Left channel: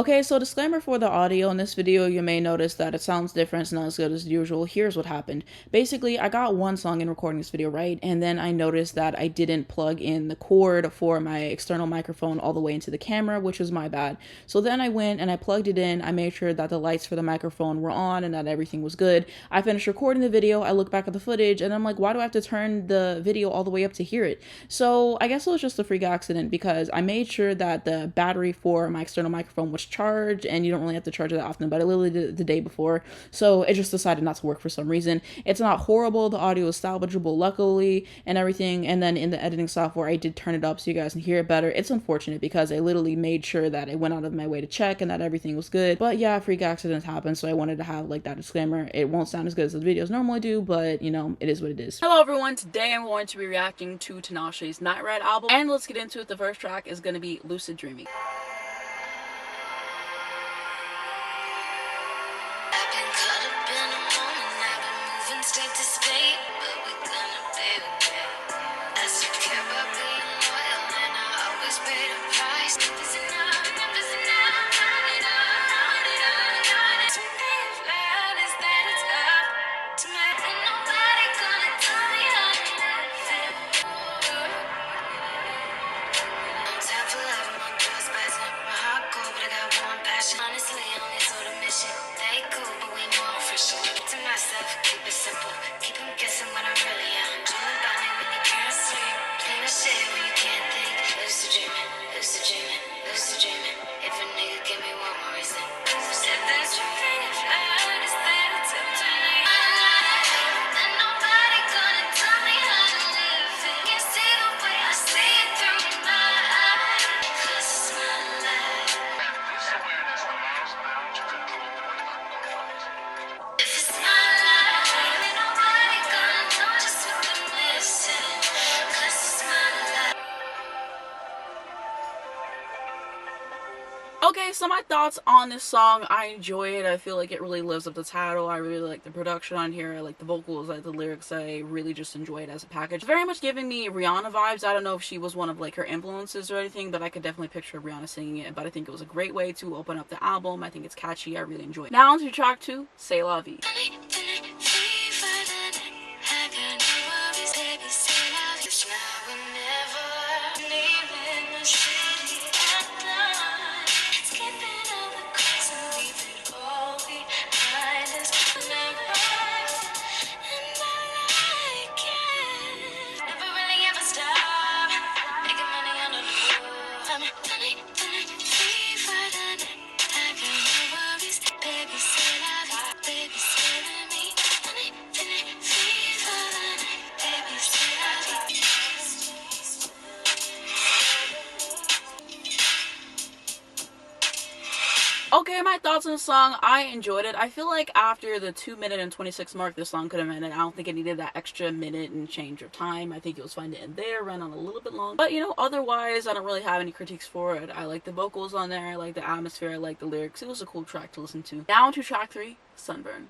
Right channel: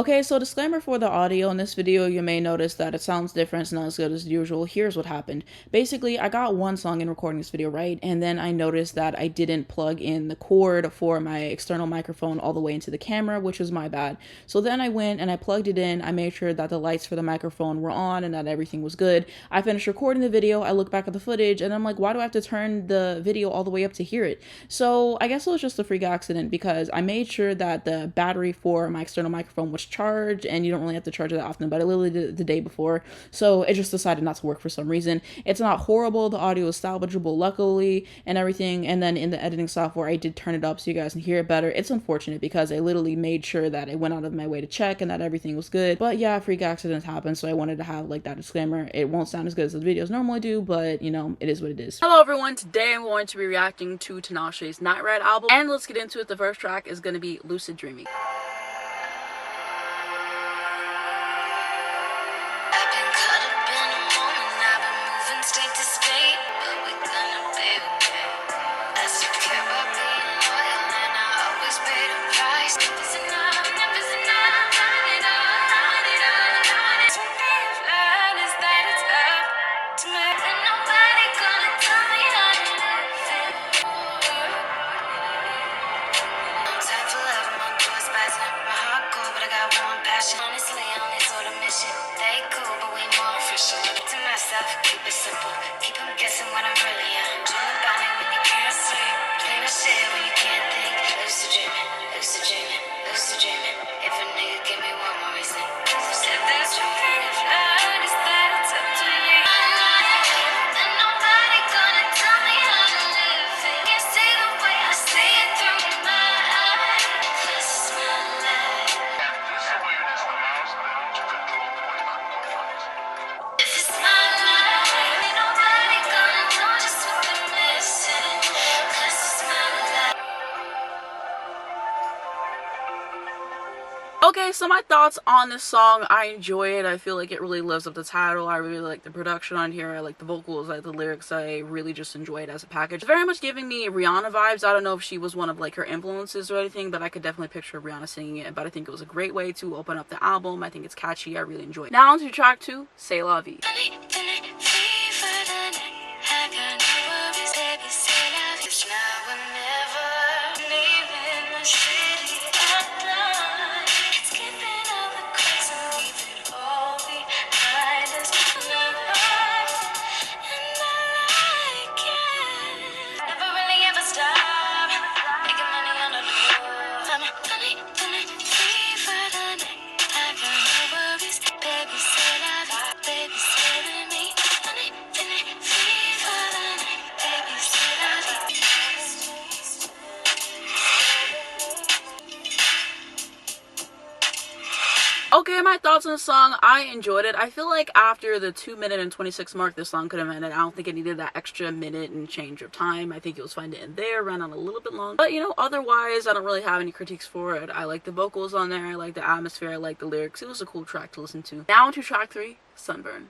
Okay, so disclaimer for the audio in this video, you may notice that it sounds different, it's not as good as usual. Here's what happened. Basically, I got one song in recording this video, right? And then I noticed that I didn't plug in the cord for my external microphone all the way into the camera, which was my bad. So then I went and I plugged it in, I made sure that the lights for the microphone were on and that everything was good. I finished recording the video, I look back at the footage, and I'm like, why do I have to turn the video all the way up to hear it? So I guess it was just a freak accident because I made sure that the battery for my external microphone was charged, and you don't really have to charge it that often, but I literally did it the day before, so it just decided not to work for some reason. It's not horrible, the audio is salvageable luckily and everything, and then in the editing software I did turn it up so you guys can hear it better. It's unfortunate because I literally made sure that I went out of my way to check and that everything was good, but yeah, freak accidents happen, so I wanted to have like that disclaimer. It won't sound as good as the videos normally do, but you know, it is what it is. Hello everyone, today I'm going to be reacting to Tinashe's Nightride album, and let's get into it. The first track is going to be Lucid Dreaming. Okay, so my thoughts on this song, I enjoy it. I feel like it really lives up to the title. I really like the production on here. I like the vocals, I like the lyrics. I really just enjoy it as a package. It's very much giving me Rihanna vibes. I don't know if she was one of like her influences or anything, but I could definitely picture Rihanna singing it. But I think it was a great way to open up the album. I think it's catchy. I really enjoy it. Now on to track 2, C'est La Vie. Okay, my thoughts on the song, I enjoyed it. I feel like after the 2-minute and 26 mark, this song could have ended. I don't think it needed that extra minute and change of time. I think it was fine to end there, ran on a little bit long. But, you know, otherwise, I don't really have any critiques for it. I like the vocals on there, I like the atmosphere, I like the lyrics. It was a cool track to listen to. Now to track 3, Sunburn.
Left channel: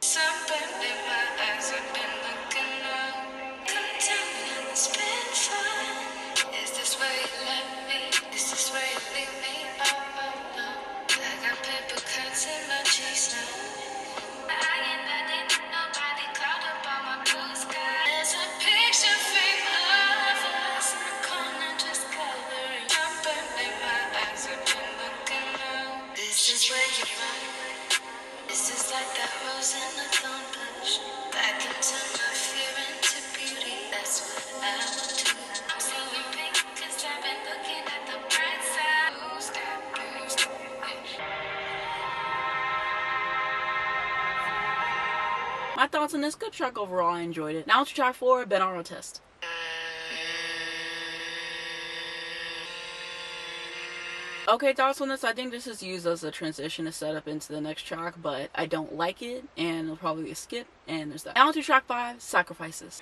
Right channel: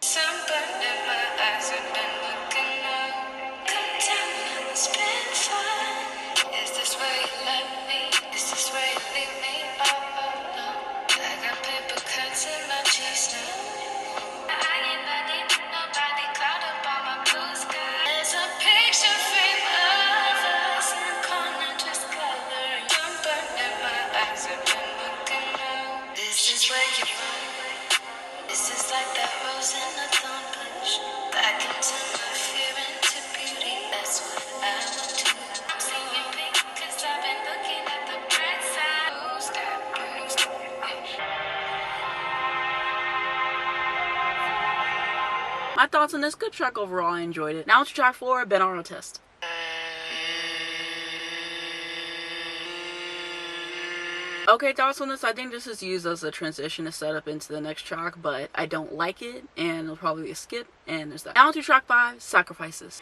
My thoughts on this, good track overall, I enjoyed it. Now to track 4, Binaural Test. Okay, thoughts on this, I think this is used as a transition to set up into the next track, but I don't like it, and it'll probably be a skip, and there's that. Now to track 5, Sacrifices.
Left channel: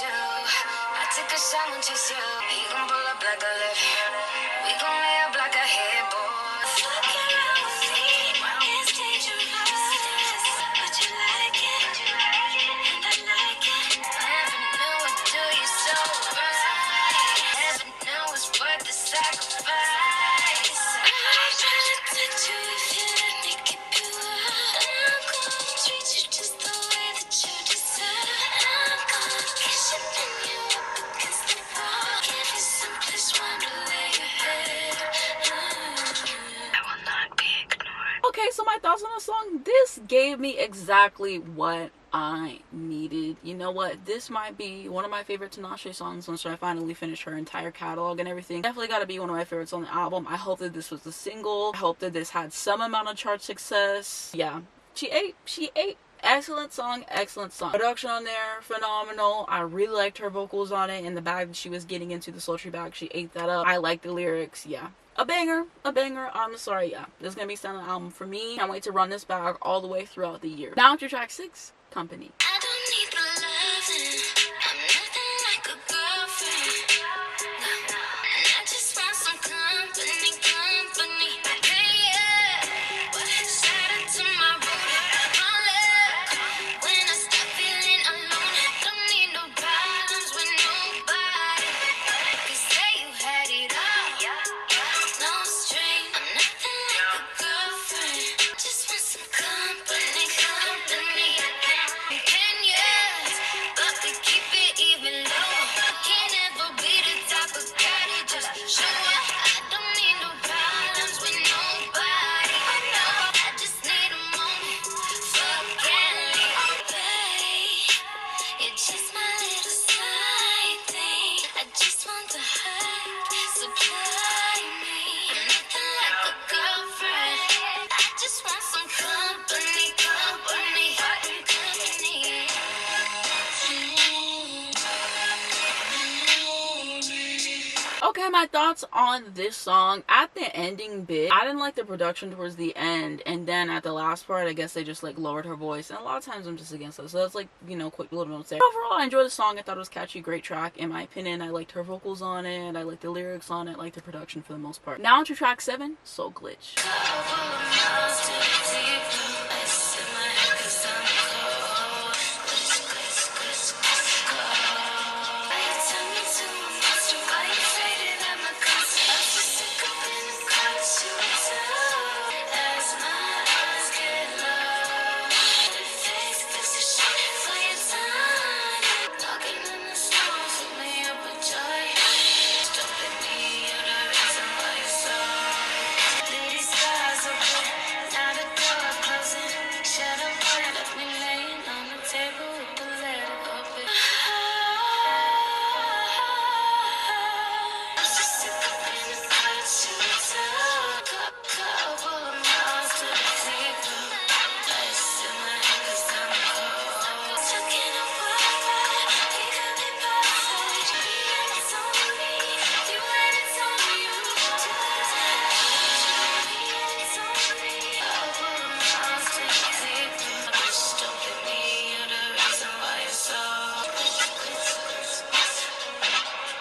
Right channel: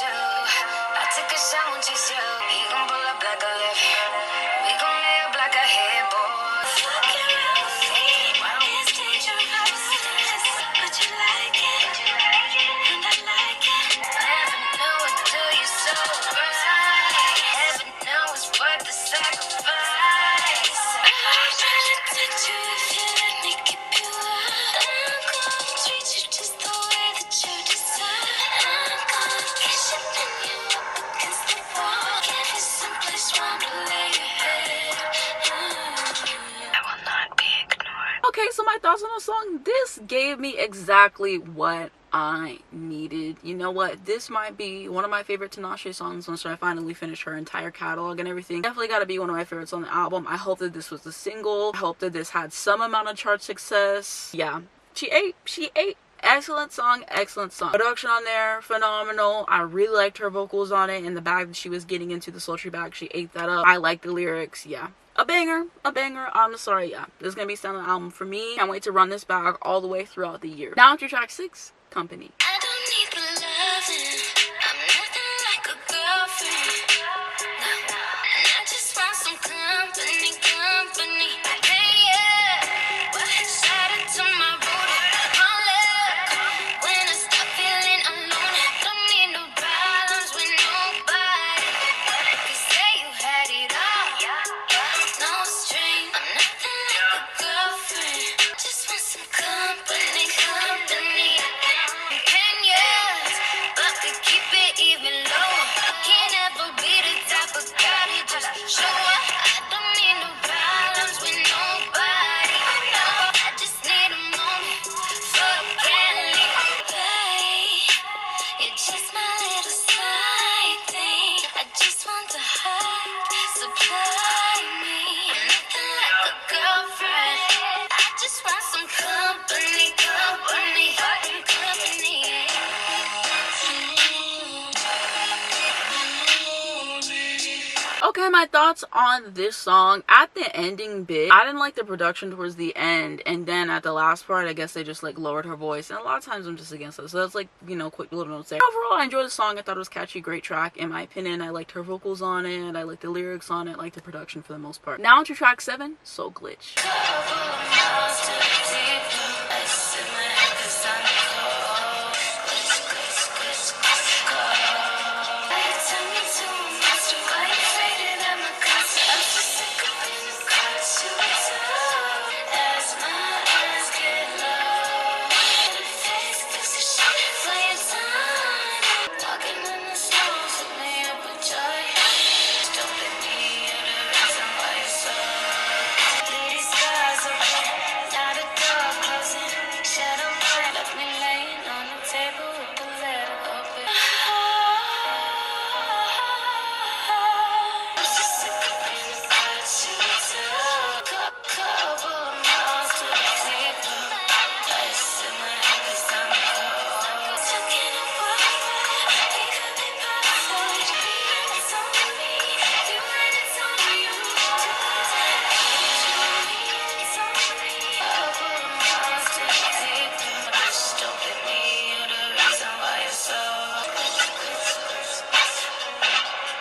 you. I took a shot, won't chase you. He gon' pull up like a lift. We gon' lay up like a headboard. Fucking around with me. It's dangerous. But you like it. I like it. Never knew it till you so right. Never knew it's worth the sacrifice. I'm trying to touch you if you let me keep you up. I'm gonna treat you just the way that you deserve. I'm gonna kiss you and you up against the wall. Give you some place warm to lay your head. I will not be ignored. Okay, so my thoughts on the song. This gave me exactly what I needed. You know what? This might be one of my favorite Tinashe songs once I finally finish her entire catalog and everything. Definitely gotta be one of my favorites on the album. I hope that this was a single. I hope that this had some amount of chart success. Yeah, she ate. Excellent song, excellent song. Production on there, phenomenal. I really liked her vocals on it, and the bag that she was getting into, the sultry bag, she ate that up. I like the lyrics, yeah. A banger. I'm sorry, yeah. This is gonna be a standout album for me. Can't wait to run this bag all the way throughout the year. Now to track 6, Company. I don't need the loving. I'm nothing like a girlfriend. I just want some company. Hey, yeah. What has added to my road? My love. When I stop feeling alone, I don't need no balance with nobody. You say you had it all. No string. I'm nothing like a girlfriend. Just want some company. Opinions, but to keep it even low. Can't ever be the type of girl you just show up. I don't need no balance with nobody. I just need a moment for a friendly. Babe, you're just my little side thing. I just want to have supply me. I'm nothing like a girlfriend. I just want some company. Okay, my thoughts on this song. At the ending bit, I didn't like the production towards the end, and then at the last part, I guess they just like lowered her voice, and a lot of times I'm just against that, so that's like, you know, quick little notes there. Overall, I enjoyed the song. I thought it was catchy, great track in my opinion. I liked her vocals on it, I liked the lyrics on it, I liked the production for the most part. Now to track 7, Soul Glitch.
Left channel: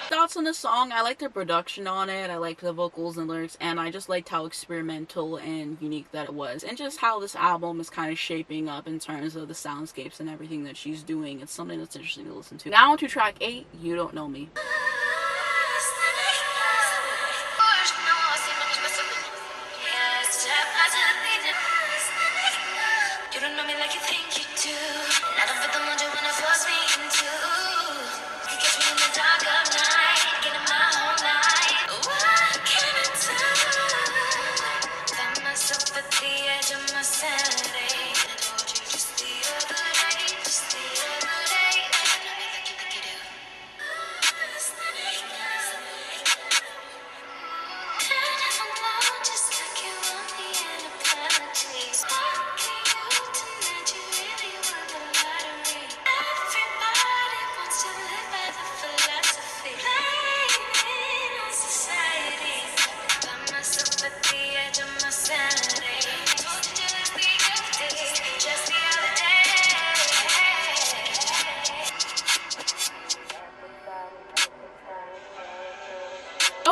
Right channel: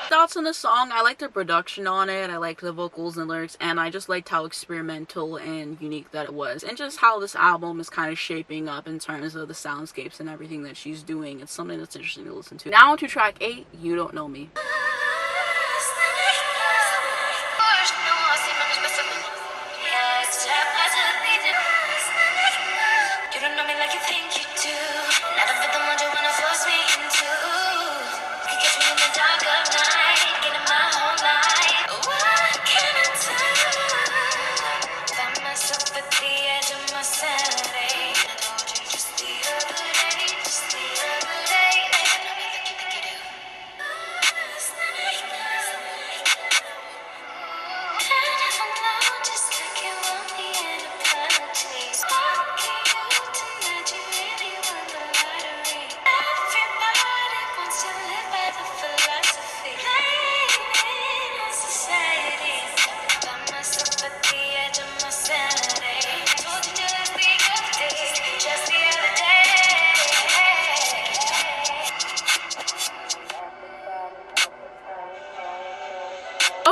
Thoughts on the song. I liked the production on it, I liked the vocals and lyrics, and I just liked how experimental and unique that it was, and just how this album is kind of shaping up in terms of the soundscapes and everything that she's doing. It's something that's interesting to listen to. Now to track 8, You Don't Know Me. You don't know me like you think you do. Not a bit the one you wanna force me into. You catch me in the dark of night, getting my whole night. What can I do? Found myself at the edge of my sanity. I told you just the other day, and I know that you think you do.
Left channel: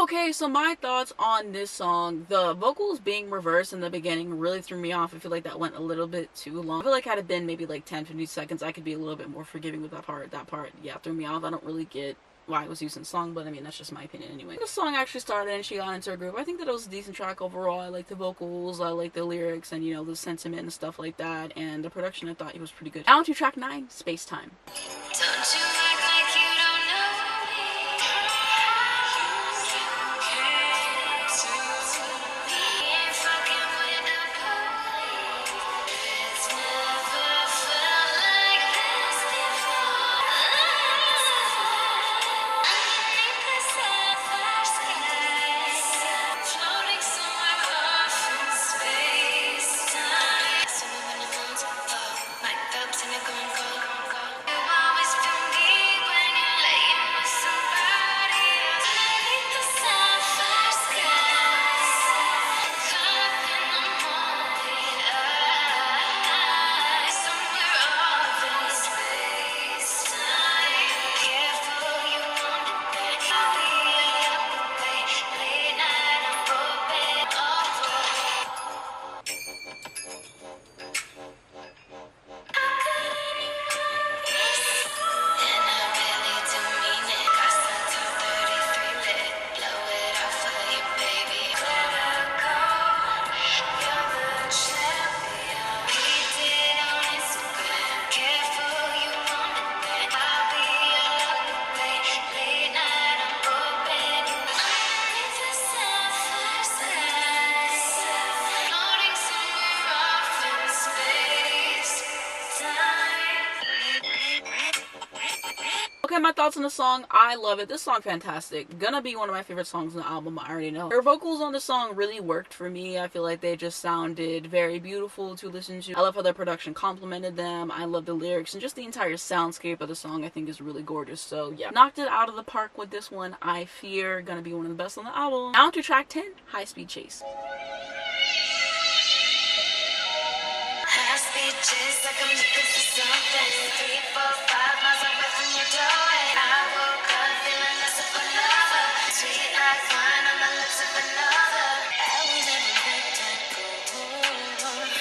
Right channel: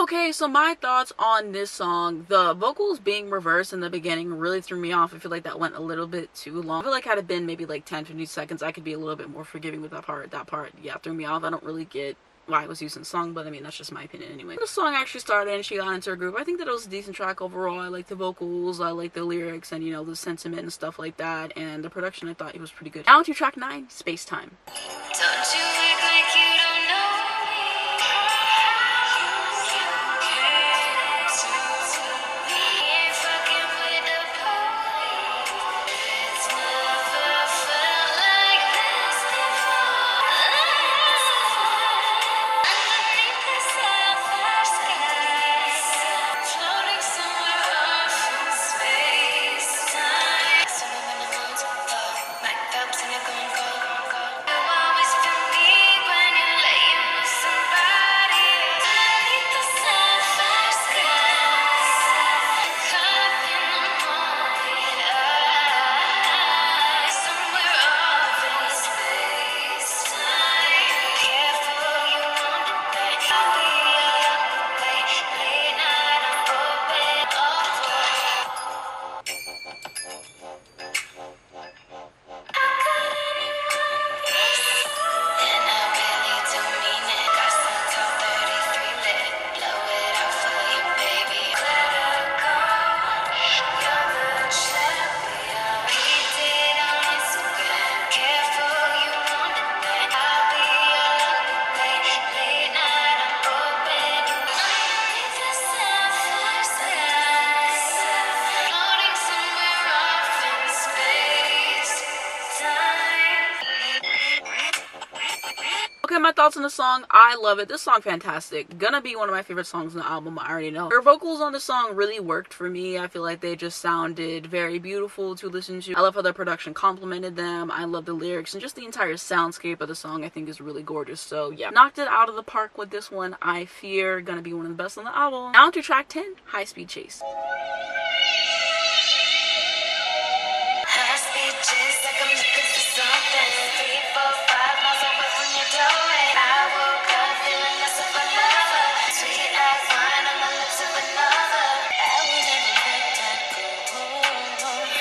Okay, so my thoughts on this song. The vocals being reversed in the beginning really threw me off. I feel like that went a little bit too long. I feel like had it been maybe like 10-15 seconds, I could be a little bit more forgiving with that part. That part, yeah, threw me off. I don't really get why it was used in the song, but I mean, that's just my opinion anyway. The song actually started and she got into her group. I think that it was a decent track overall. I like the vocals, I like the lyrics, and you know, the sentiment and stuff like that. And the production, I thought it was pretty good. Now to track 9, Spacetime. Don't you act like you don't know me. We ain't fucking with the police. It's never felt like this before. Underneath the sapphire skies, floating somewhere off in space time. Swimming in the moon's above, night clouds in a gongo. You always feel me when you're laying with somebody else. Underneath the sapphire skies, caught up in the morning light, somewhere off in space time. Careful, you want it back. I'll be up away, late night, I'm open all and I really do mean it. Got some top at a 3-lit. Blow it out for you, baby. Let go. You're the champion. We did on Instagram. Careful, you want it back. I'll be up late, late night. I'm open. Underneath the sapphire skies, floating somewhere off in space time. Okay, my thoughts on the song. I love it. This song fantastic. Gonna be one of my favorite songs on the album. I already know. Her vocals on the song really worked for me. I feel like they just sounded very beautiful to listen to. I love how the production complemented them. I love the lyrics and just the entire soundscape of the song I think is really gorgeous. So yeah, knocked it out of the park with this one. I fear gonna be one of the best on the album. Now to track 10, High Speed Chase. High speed chase like I'm looking for something. 3, 4, 5 miles away from your doorway. I woke up feeling less of another. Sweet like wine on the lips of another. I was in a good.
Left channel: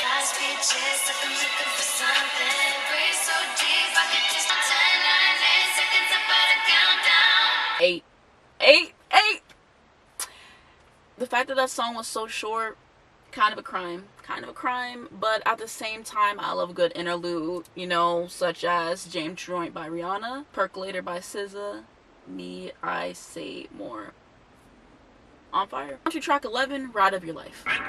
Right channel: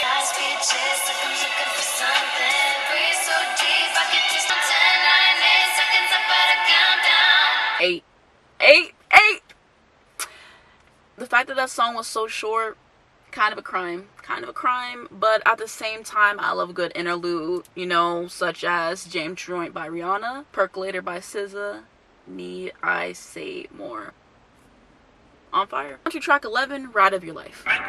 High speed chase like I'm looking for something. Breathe so deep I can taste my 10, 9, 8 seconds up at a countdown. 8, 8, 8. The fact that that song was so short, kind of a crime, but at the same time, I love a good interlude, you know, such as James Joint by Rihanna, Percolator by SZA, Need I Say More. On fire. On to track 11, Ride of Your Life. Might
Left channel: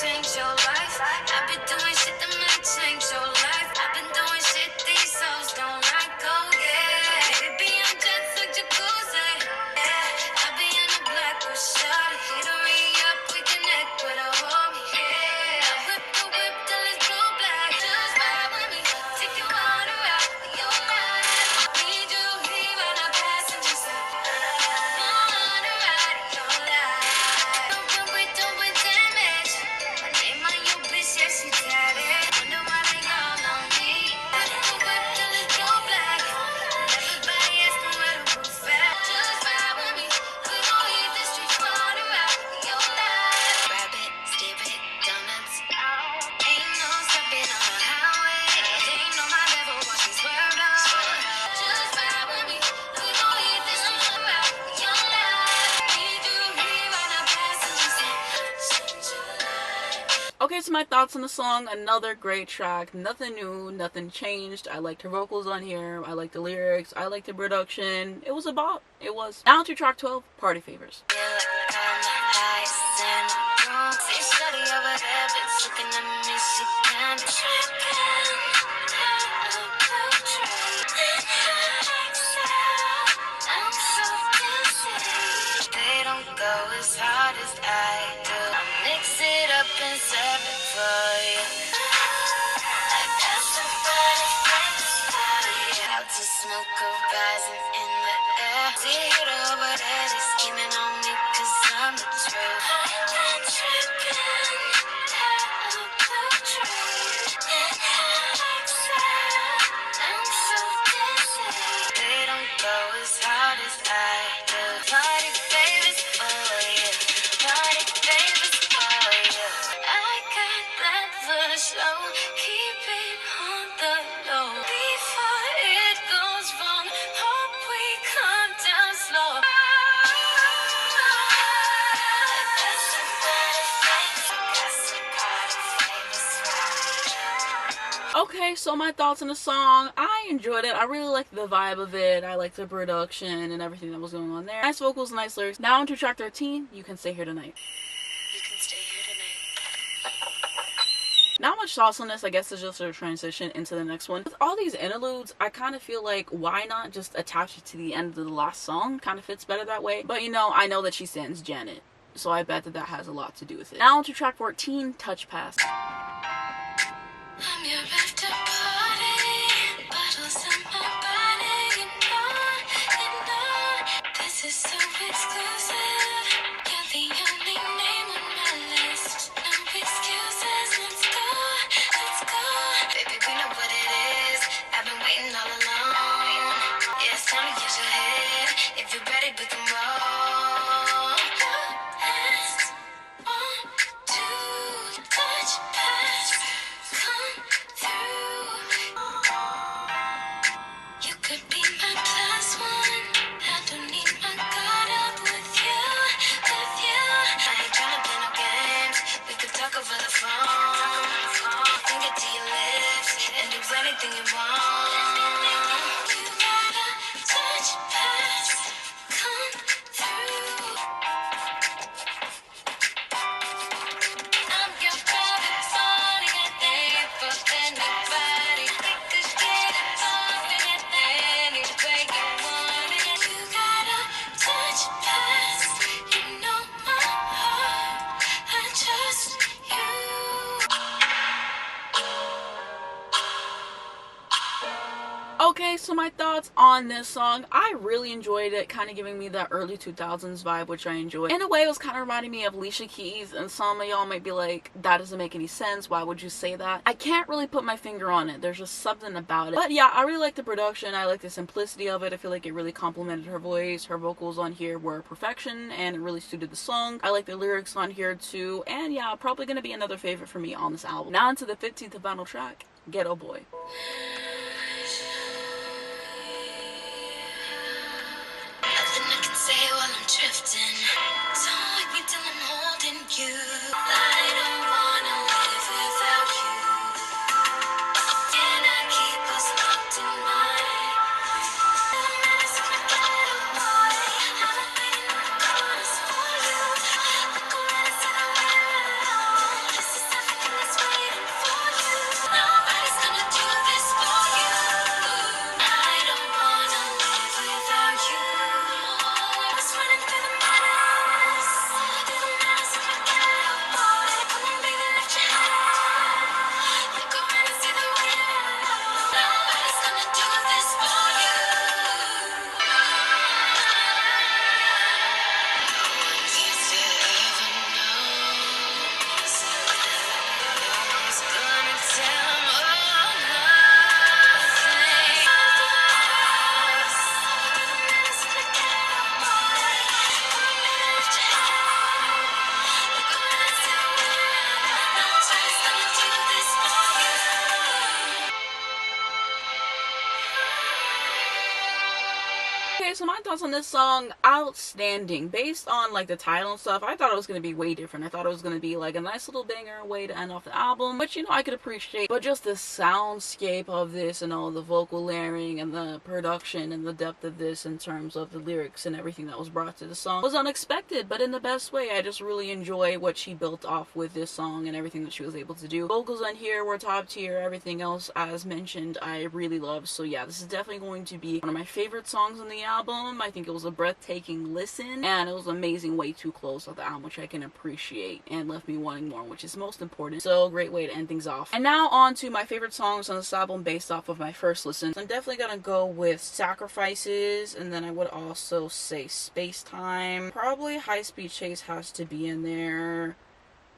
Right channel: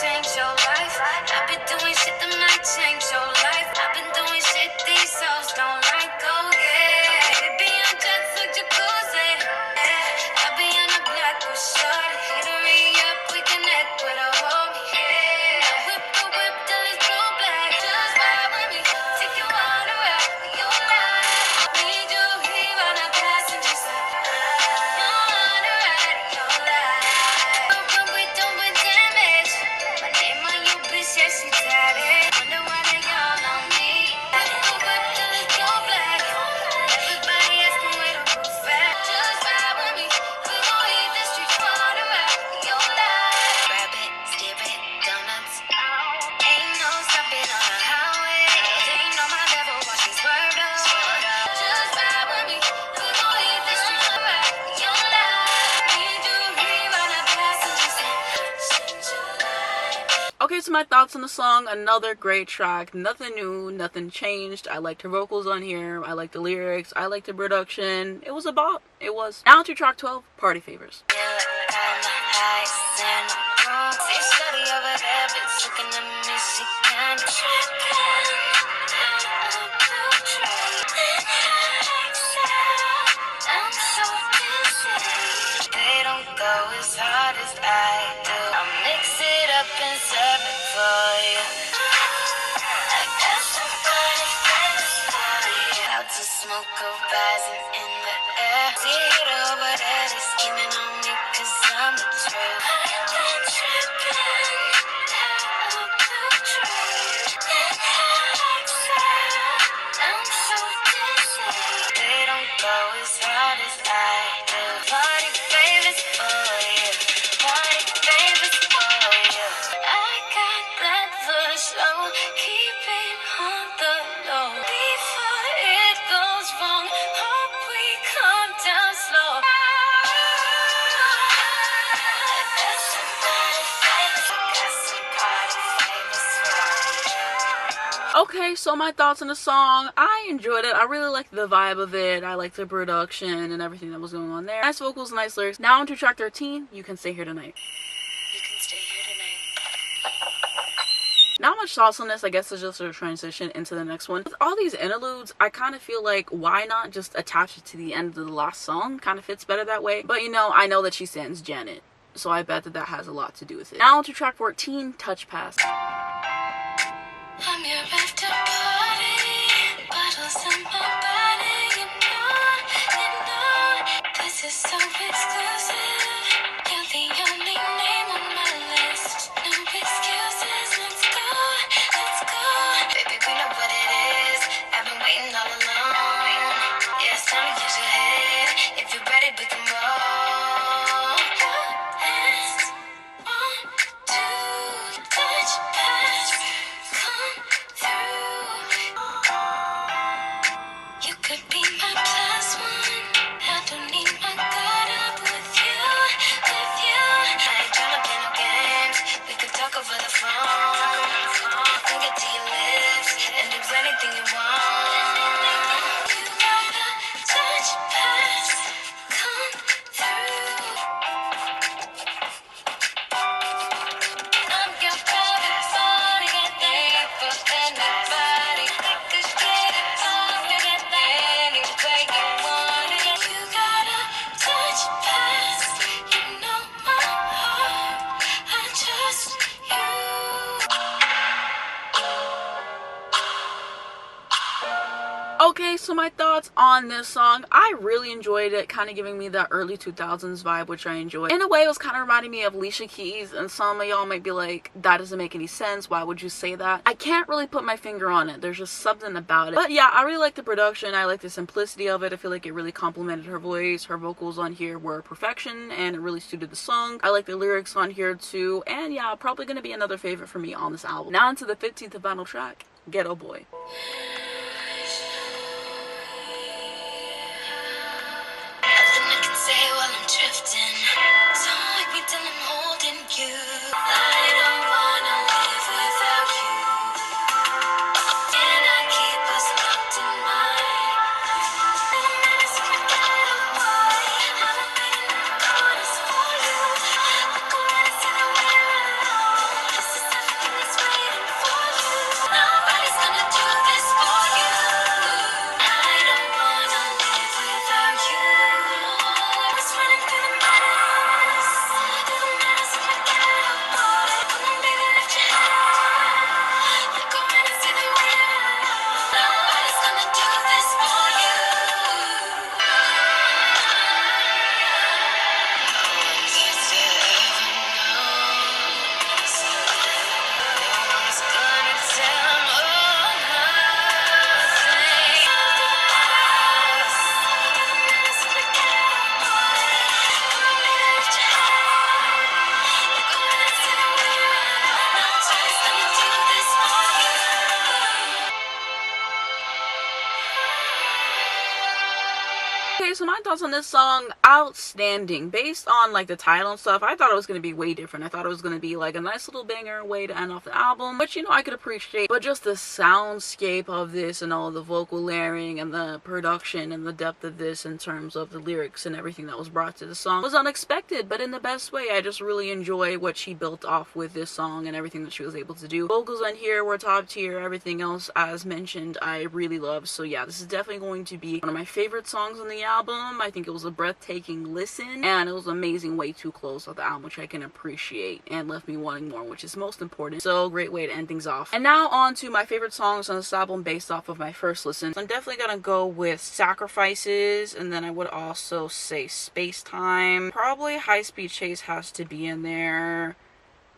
change your life. I've been doing shit that might change your life. I've been doing shit these souls don't like. Oh yeah, baby, I'm just a jacuzzi. Yeah, I'll be on the black with shorty. Hit her up, we connect with a homie. Yeah, I whip the whip till it's blue black. Just ride with me, take you on a ride for your life. Need you here on a passenger side. On a ride for your life. But we doing damage. My name on you, bitch, yes, you got it. Wonder why they all on me. Whip the whip till it's blue black. Everybody asking where the roof at. Just ride with me. We gon' hit the streets for a ride for your life. Grab it, steer it, donuts. Ain't no stopping on the highway. Ain't no my level, watch me swerve up. Just ride with me. We gon' hit the streets for a ride for your life. Need you here on a passenger seat. Okay, so my thoughts on the song. Another great track. Nothing new, nothing changed. I liked her vocals on here. I liked the lyrics. I liked the production. It was a bop. It was. Now to track 12, Party Favors. They don't go as hard as I do. I mix it up and serve it for you. I got somebody for you. Out to smoke horizon in the air. See it over there, they scheming on me 'cause I'm the truth. I'm so dizzy. They don't go as hard favors, I do. Party favors for you. Party favors for you. I got that push, so keep it on the low. Before it goes wrong, hope we calm down slow. Okay, so my thoughts on the song. I enjoyed it. I really liked the vibe of it. I liked the production and everything that was going on there. Nice vocals, nice lyrics. Now onto track 13, You Can Stay Here Tonight. You can stay here tonight. Not much thoughts on this. I guess it's just a transition into the next one. With all these interludes, I kind of feel like why not just attach it to the end of the last song? Kind of fits better that way. But you know, I know that she stands Janet, so I bet that that has a lot to do with it. Now onto track 14, Touch Pass. I'm your after party, bottles in my body, you know, this is so exclusive. You're the only name on my list. No excuses, let's go. Baby, we know what it is. I've been waiting all along. Yes, tell me what you hit. If you're ready, we can roll. One, two, touch pass. Come through. You could be my plus one. I don't need my guard up with you. I ain't tryna play no games. We could talk over the phone. And get to your lips and do anything you want. You got a touch pass. Come through. I'm your favorite body, and they for anybody. We could get it poppin' any way you want it. You got a touch pass, you know my heart. I trust Okay, so my thoughts on this song. I really enjoyed it, kind of giving me that early 2000s vibe, which I enjoyed. In a way, it was kind of reminding me of Alicia Keys, and some of y'all might be like, that doesn't make any sense. Why would you say that? I can't really put my finger on it. There's just something about it. But yeah, I really like the production. I like the simplicity of it. I feel like it really complemented her voice. Her vocals on here were perfection, and it really suited the song. I like the lyrics on here too, and yeah, probably gonna be another favorite for me on this album. Now into the 15th and final track, Ghetto Boy. nothing I can say while I'm drifting. So like me till I'm holding you. I don't wanna live without you. Can I keep us locked in mind? Minutes if I get away. I've been waiting in the corners for you. I'll go right into the mirror alone. This is everything that's waiting for you. Nobody's gonna do this for you. I don't wanna live without you. It's running through the minutes. Little minutes if I get away. Come on, baby, let your hair down. Like go right into the mirror alone. Nobody's gonna do this for you. Okay, so my thoughts on this song, outstanding. Based on like the title and stuff, I thought it was going to be way different. I thought it was going to be like a nice little banger way to end off the album, which, you know, I could appreciate. But just the soundscape of this and all the vocal layering and the production and the depth of this in terms of the lyrics and everything that was brought to the song was unexpected, but in the best way. I just really enjoy what she built off with this song and everything that she was able to do. Vocals on here were top tier. Everything else, as mentioned, I really love. So yeah, this is definitely going to be one of my favorite songs on the album. I think it was a breathtaking listen, and it was an amazing way to close out the album, which I can appreciate and left me wanting more, which is most important. So great way to end things off. And now on to my favorite songs on this album based off of my first listen. So I'm definitely gonna go with Sacrifices, and then I would also say Spacetime. Probably High Speed Chase has to be in there.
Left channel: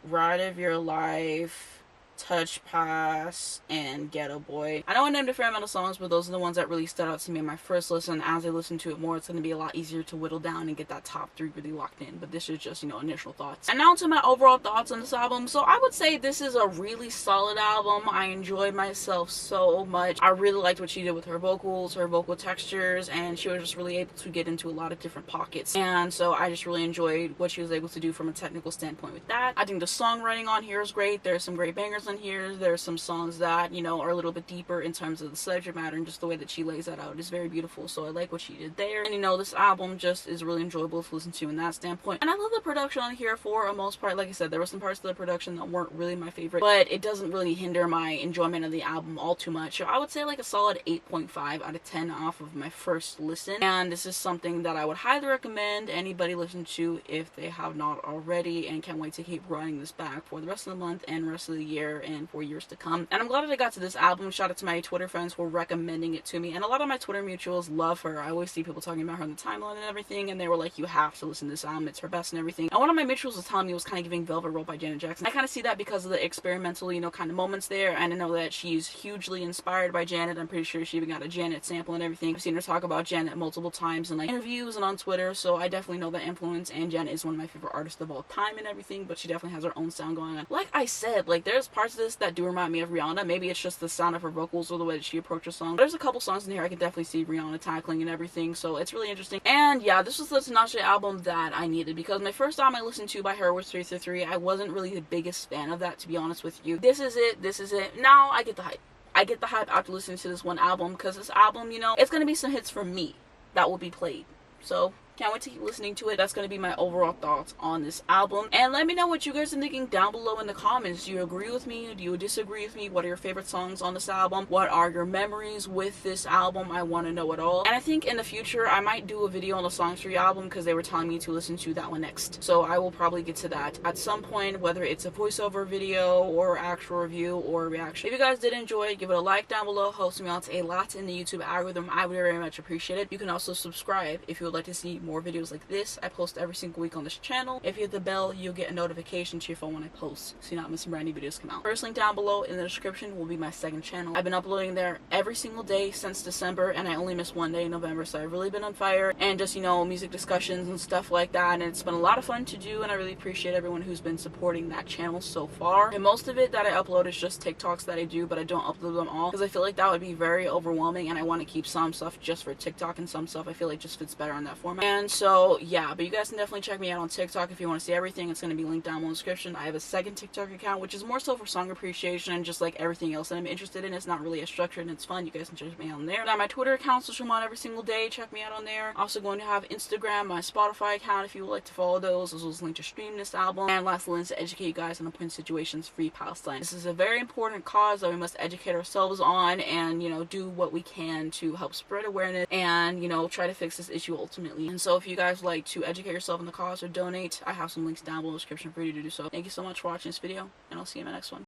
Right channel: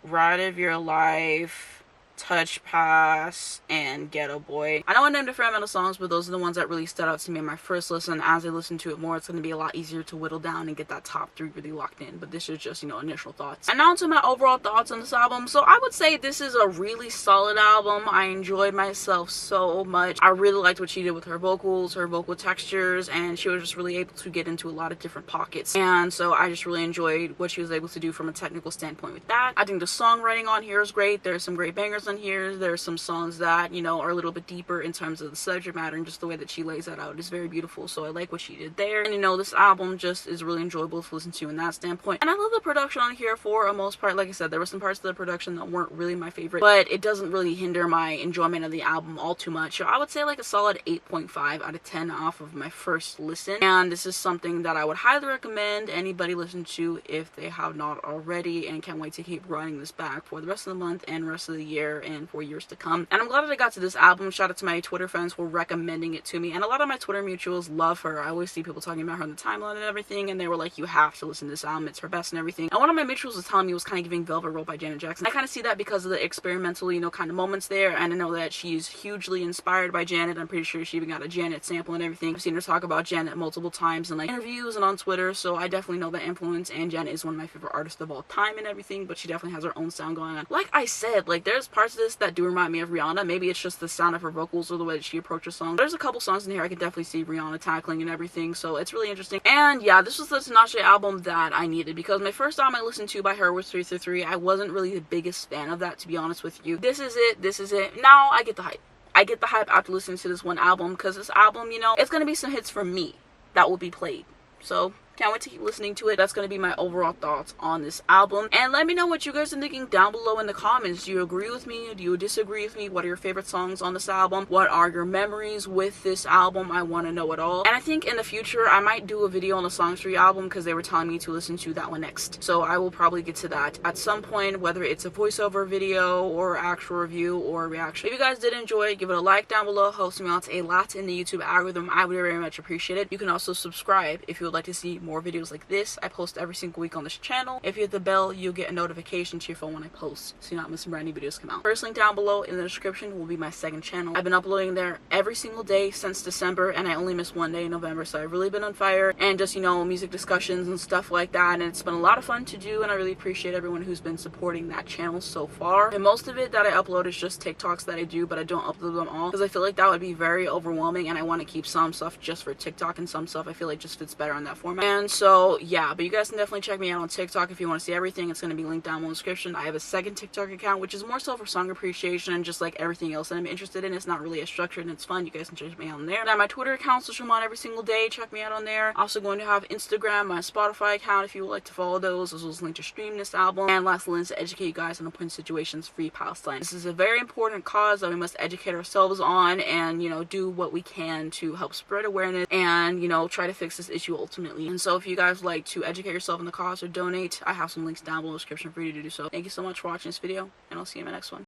Ride of Your Life. Touch Pass, and Ghetto Boy. I know I named different amount of songs, but those are the ones that really stood out to me in my first listen. As I listen to it more, it's going to be a lot easier to whittle down and get that top 3 really locked in. But this is just, you know, initial thoughts. And now to my overall thoughts on this album. So I would say this is a really solid album. I enjoyed myself so much. I really liked what she did with her vocals, her vocal textures, and she was just really able to get into a lot of different pockets. And so I just really enjoyed what she was able to do from a technical standpoint with that. I think the songwriting on here is great. There's some great bangers on here. There's some songs that, you know, are a little bit deeper in terms of the subject matter, and just the way that she lays that out is very beautiful. So I like what she did there. And, you know, this album just is really enjoyable to listen to in that standpoint. And I love the production on here for a most part. Like I said, there were some parts of the production that weren't really my favorite, but it doesn't really hinder my enjoyment of the album all too much. So I would say like a solid 8.5 out of 10 off of my first listen. And this is something that I would highly recommend anybody listen to if they have not already, and can't wait to keep running this back for the rest of the month and rest of the year and for years to come. And I'm glad that I got to this album. Shout out to my Twitter friends for recommending it to me, and a lot of my Twitter mutuals love her. I always see people talking about her on the timeline and everything, and they were like, you have to listen to this album, it's her best and everything. And one of my mutuals was telling me it was kind of giving Velvet Rope by Janet Jackson. I kind of see that because of the experimental, you know, kind of moments there, and I know that she's hugely inspired by Janet. I'm pretty sure she even got a Janet sample and everything. I've seen her talk about Janet multiple times in like interviews and on Twitter, so I definitely know that influence, and Janet is one of my favorite artists of all time and everything, but she definitely has her own sound going on. Like I said, like there's parts of this that do remind me of Rihanna. Maybe it's just the sound of her vocals or the way that she approaches songs. There's a couple songs in here I could definitely see Rihanna tackling and everything, so it's really interesting. And yeah, this was the Tinashe album that I needed, because my first album I listened to by her was 333. I wasn't really the biggest fan of that, to be honest with you. This is it. Now I get the hype. I get the hype after listening to this one album, because this album, you know, it's gonna be some hits from me that will be played. So can't wait to keep listening to it. That's going to be my overall thoughts on this album. And let me know what you guys are thinking down below in the comments. Do you agree with me? Do you disagree with me? What are your favorite songs on this album? What are your memories with this album? I want to know it all. And I think in the future, I might do a video on the Songs 3 album, because they were telling me to listen to that one next. So I will probably get to that at some point, whether it's a voiceover video or actual review or reaction. If you guys did enjoy it, give it a like down below. Helps me out a lot in the YouTube algorithm. I would very much appreciate it. You can also subscribe if you would like to see more videos like this. I post every single week on this channel. If you hit the bell, you'll get a notification to your phone when I post, so you're not missing brand new videos come out. First link down below in the description will be my second channel. I've been uploading there every single day since December, and I only missed one day in November, so I've really been on fire, and just, you know, music discussions and stuff like that, and it's been a lot of fun to do, and I really appreciate everyone who's been supporting that channel so far. And most of it that I upload is just TikToks that I do, but I don't upload them all, because I feel like that would be very overwhelming, and I want to keep some stuff just for TikTok, and some stuff I feel like just fits better on that format. And so yeah, but you guys can definitely check me out on TikTok if you want to see everything. It's going to be linked down in the description. I have a second TikTok account, which is more so for song appreciation and just like everything else that I'm interested in. It's not really as structured and it's fun. You guys can check me out on there. Now my Twitter account, social I'm on every single day. Check me out on there. Also going to have Instagram, my Spotify account if you would like to follow those, as well as link to stream this album. And last links to educate you guys on important situations, free Palestine. This is a very important cause that we must educate ourselves on, and, you know, do what we can to help spread awareness and, you know, try to fix this issue ultimately. And so if you guys like to educate yourself in the cause or donate, I have some links down below in the description for you to do so. Thank you so much for watching this video, and I'll see you in my next one.